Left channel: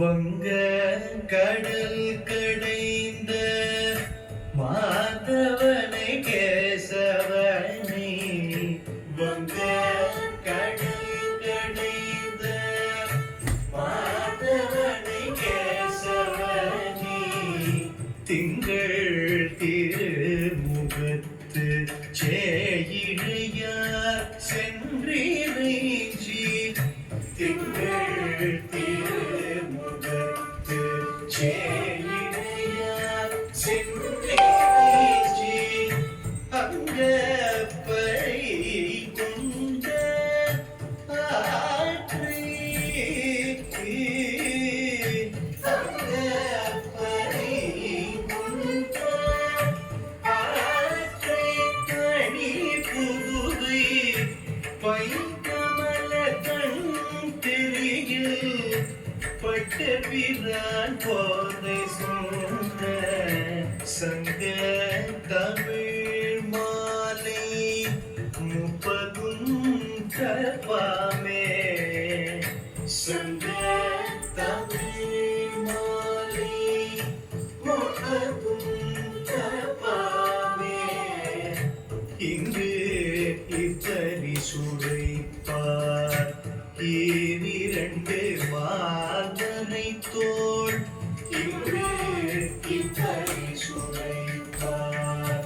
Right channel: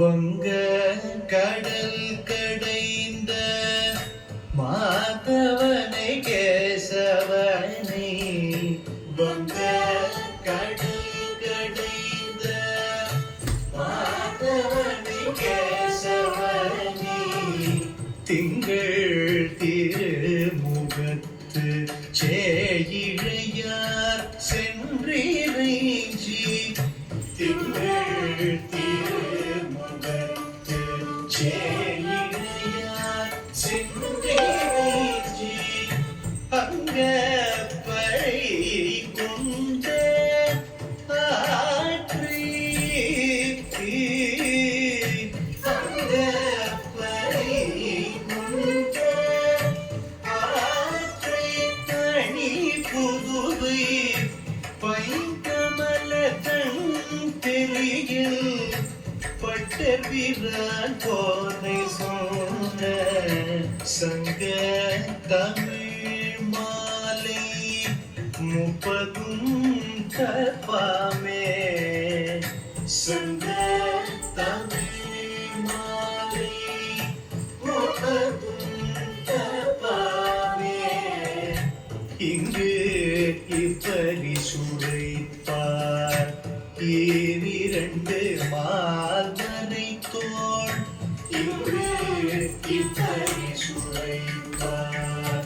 வங்க கடல் கடைந்த மாதவனை கேசவனை வங்க கடல் கடைந்த மாதவனை கேசவனை திங்கள் திருமுகத்து சேயிழையார் சென்றிறைஞ்சி திங்கள் திருமுகத்து சேயிழையார் சென்றிறைஞ்சி அங்கப்பறை கொண்ட ஆற்றி அங்கப்பறை கொண்ட ஆற்றி தனி புதுவை பைங்கமலதன் தெளியில் பட்ட வீரன் போதை சொந்த சங்க தமிழ் மாலை முப்பதும் கற்பாமே சங்க தமிழ் மாலை முப்பதும் கற்பாமே இங்கு இப்படி சுடைப்பார் இரண்டு மாதனை தோள் இங்கு இப்படி சுடைப்பார்